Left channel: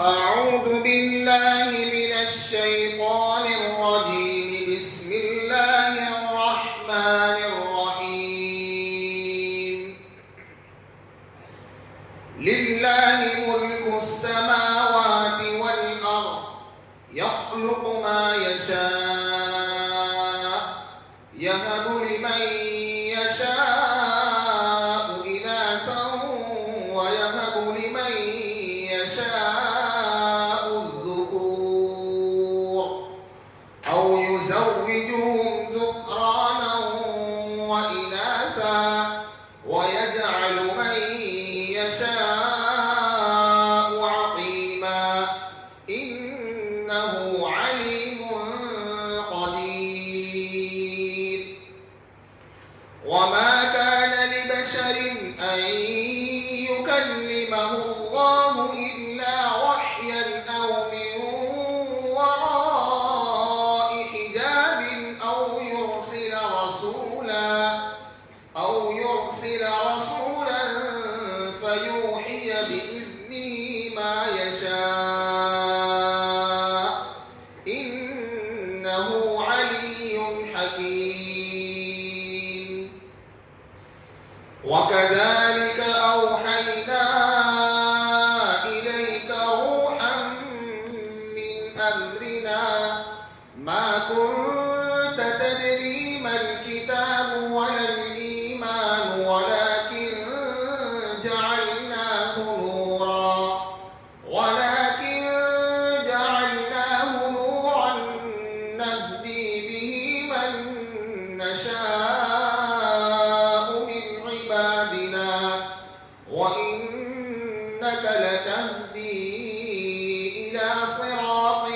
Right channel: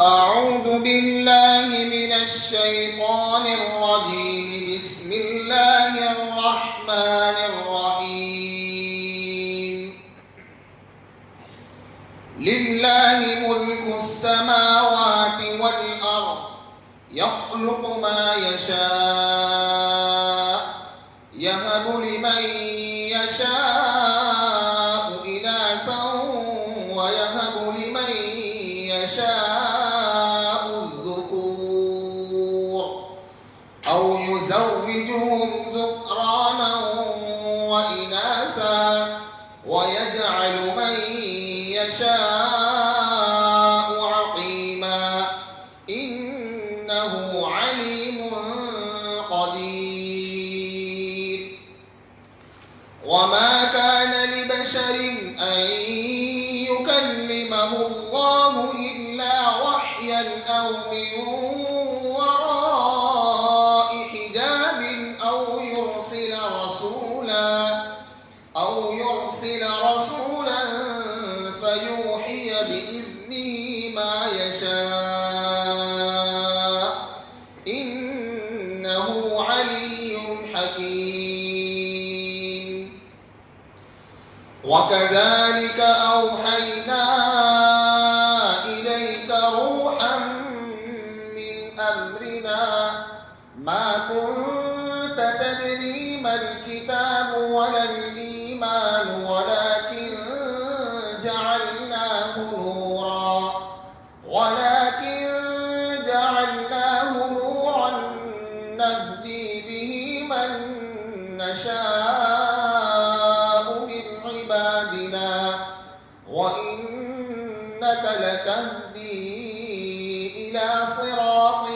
أعوذ بالله من الشيطان الرجيم. بسم الله الرحمن الرحيم. لله ملك السماوات والأرض يخلق ما يشاء يهب لمن يشاء إناثا ويهب لمن يشاء الذكور أو يزوجهم ذكرانا وإناثا ويجعل من يشاء عقيما إنه عليم قدير. وما كان لبشر أن يكلمه الله إلا وحيا أو من وراء حجاب أو يرسل رسولا فيوحي بإذنه ما يشاء إنه علي حكيم. وكذلك أوحينا إليك روحا من أمرنا ما كنت تدري ما الكتاب ولا الإيمان ولكن جعلناه نورا نهدي به من نشاء من عبادنا وإنك لتهدي إلى صراط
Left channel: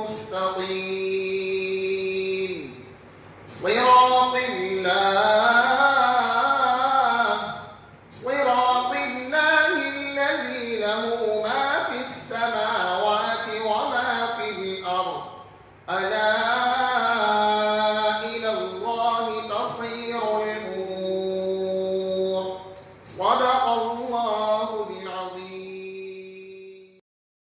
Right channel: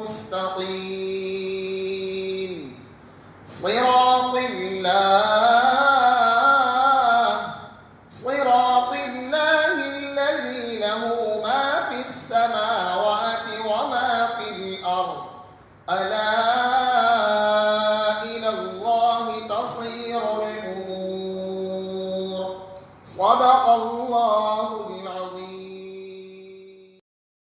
مستقيم. صراط الله الذي له ما في السماوات وما في الأرض ألا إلى الله تصير